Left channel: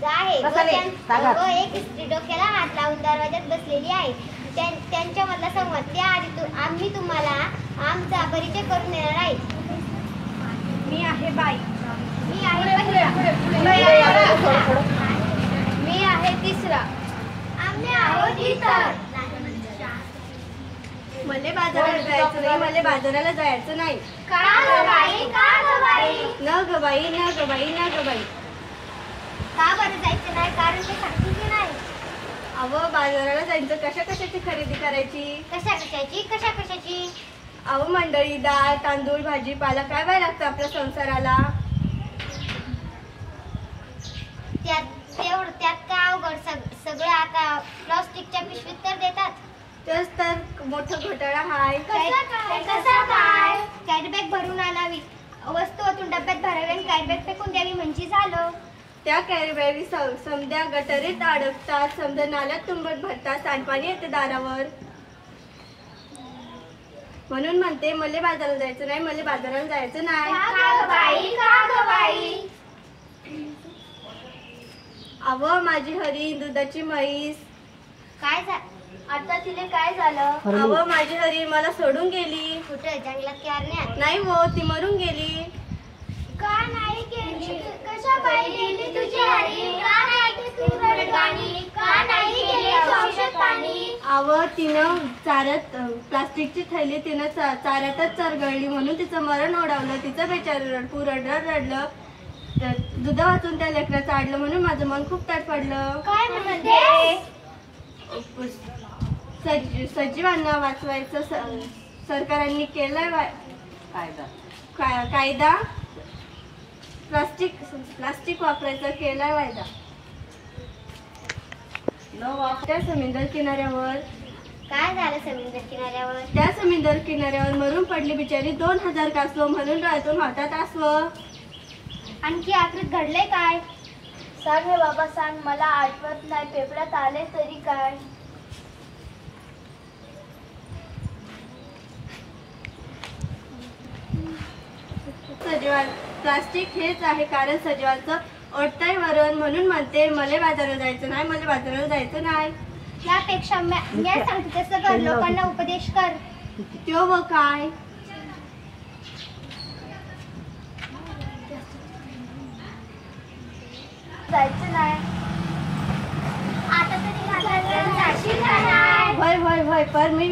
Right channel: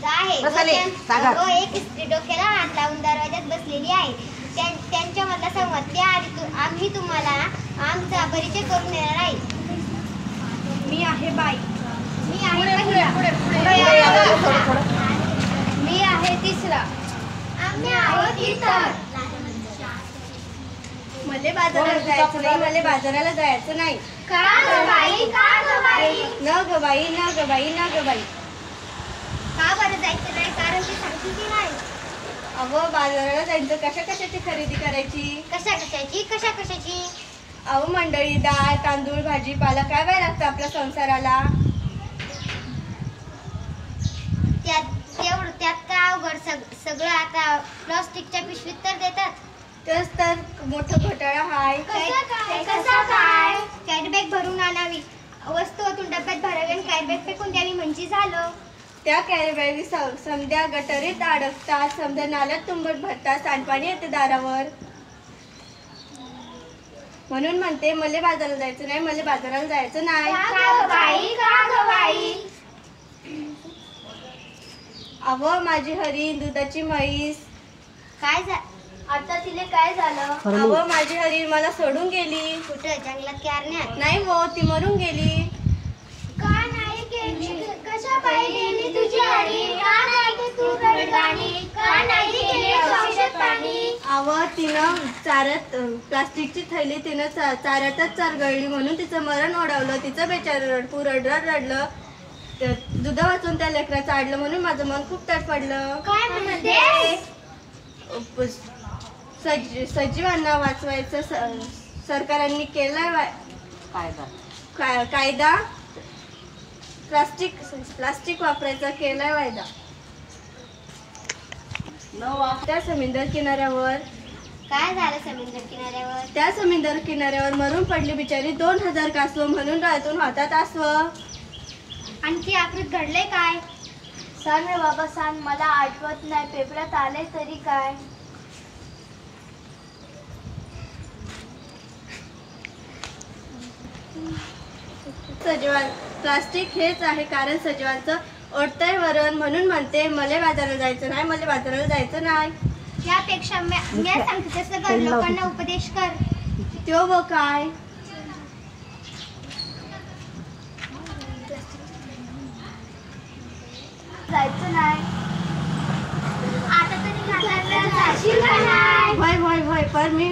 व एक स्त्री डोक्याला हात लावून दरवाजात बसलेली आहे. त्यांच्यामधला संवाद आम्ही तुम्हाला आमचा परिचय करून देणार आहे. मी आहे बाई. मी आहे मी आहे तिसरा. आम्ही आहोत इतर. मले बाजाराला जायचं नाही. मले बाजाराला जायचं नाही. का ग बाई? का ग बाई? न ग बाई, न ग बाई, न ग बाई. का बरं जायचं नाही? कारण ते सांगते की नाही. अहो बाजाराला जायचं. कशा कशाची खरेदी करायची? कशा कशाची? अहो मंडळी, डाळ तांदूळ भाजीपाला काय बाय लागतं आपल्या संसाराला. त्यात काय अवघड. सगळं आता प्लास्टिकच्या पिशवीत तर देतात. तेच तर मोठं घोटाळा हाय. कसा काय? कॅरी बॅग भरून आणावी, वस्तू ओतून डब्यात भरावी आणि कॅरी बॅग फेकून द्यावी म्हणजे झालं. त्या कॅरी बॅगी समध्या गटरीत अडकतात, समध्या नाल्यात तुंबट भरतात, सांडपाणी येते दारावर. म्हणून म्हणते मले बाजाराला जायचं नाही. मले बाजाराला जायचं नाही. अहो माझी हरी दुधाची म्हैस. काय आता तिला काय झालं? अहो माझी हरी मला सोडून गेली. कुठे? जंगलात की अरण्यात? नाही हो, ती मरून गेली. का नाही गेली? कशा पायी गेली तुझी हरी? का नाही तू रडगाणी? का नाही गेली औषध पाणी? अहो तिनं चाऱ्यात प्लास्टिकची थैली तिनं चाऱ्यातच चरगळली म्हणून तिचं मरण ओढावलं. तिचं बेचारं रडलं. दुधा वाचून त्या लेकराचं आडलं म्हणून माझं मन खूप तडफडलं. काय म्हणते? सजीवांना वाचवायचं सरकारांनी केलाय कायदा. प्लास्टिक वापरायचा केलाय वायदा. त्या समुद्र किनाऱ्यावर काय झालं? समुद्र किनाऱ्यावर? त्या समुद्र किनाऱ्यावर मरून पडली बिचारी 2000 कासव म्हणून डोळ्यातून वाहतात आसव. आणखी आखरीत घडले काय? सांग रे बाबा सांग, मला आठवत नाही. पेपरात आले तरी काय? प्लास्टिक हेच आहे कारण सजीवांचं ओढतंय वरण. म्हणून म्हणते मले बाजाराला जायचं नाही. मले बाजाराला जायचं नाही. यापेक्षा मी सांगते तसं कर. लोकांना उपदेश कर. त्यो व काय? जायचं नाही. आता तरी होय पर मी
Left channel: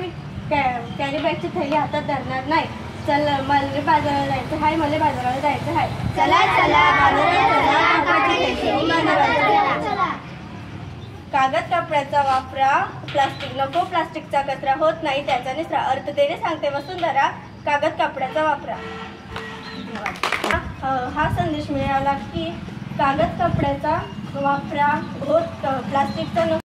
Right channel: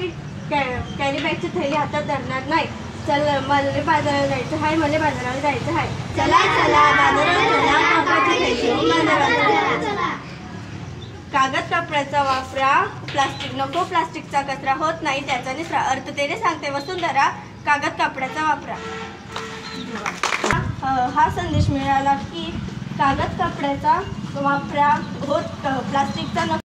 कॅरी बॅगची थैली हातात धरणार नाही. चल मला बाजाराला जायचं हाय. मला बाजाराला जायचं हाय. चला बाजाराला. कागद कपड्याचा वापरा. प्लास्टिक नको. प्लास्टिकचा कचरा होत नाही त्याचा निचरा. अर्थतेने सांगते वसुंधरा, कागद कपड्याचा वापरा. हा संदेश मिळाला की कागद कपड्याचा वापरा. प्लास्टिकचा नको.